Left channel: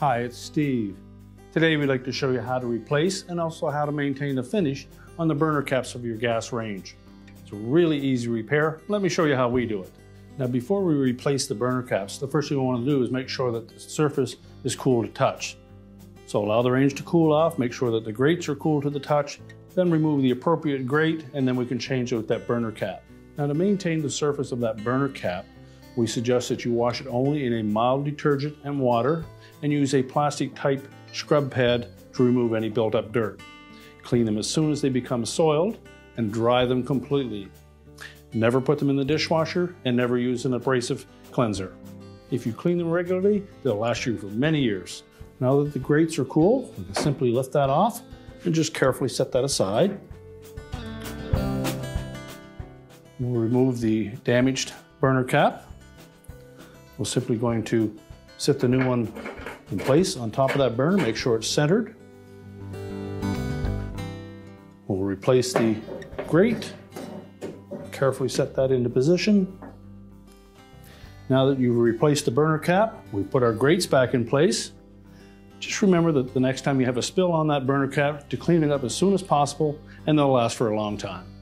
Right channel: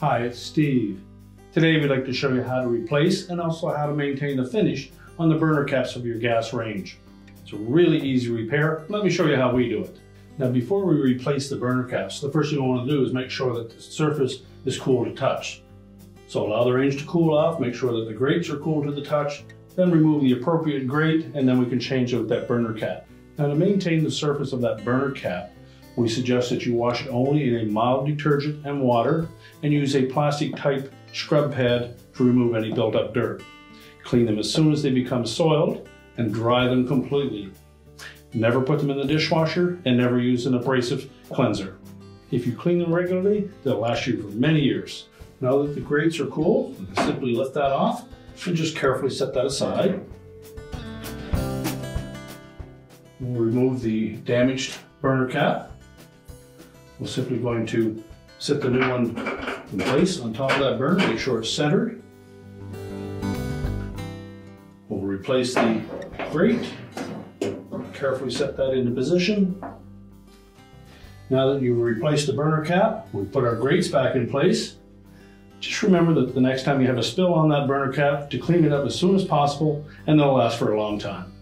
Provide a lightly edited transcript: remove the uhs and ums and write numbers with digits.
Hi, it's Steve. Today we'd like to show you how to replace and also how to maintain the finish on the burner caps of your gas range. It's a really easy repair. Let me show you how we do it. Now before we replace the burner caps, the first thing we want to do is make sure that the surface is cool to touch. So allow the range to cool off, make sure that the grates are cool to the touch, then remove the appropriate grate, and then we can change it with that burner cap. Now to maintain the surface of that burner cap, we suggest that you wash it only in a mild detergent and water and use a plastic type scrub pad to remove any built up dirt. Clean them as soon as they become soiled and dry them completely. Never put them in the dishwasher and never use an abrasive cleanser. If you clean them regularly, they'll last you for many years. Now that the grates are cool, you can simply lift that off and just carefully set that aside. We'll remove the damaged burner cap. We're simply going to set the new one in place on top of that burner, make sure it's centered. We'll replace the grate, carefully set that into position. Now that you've replaced the burner cap, we put our grates back in place. Just remember that the next time you have a spill on that burner cap, to clean it up as soon as possible, and they'll last for a long time.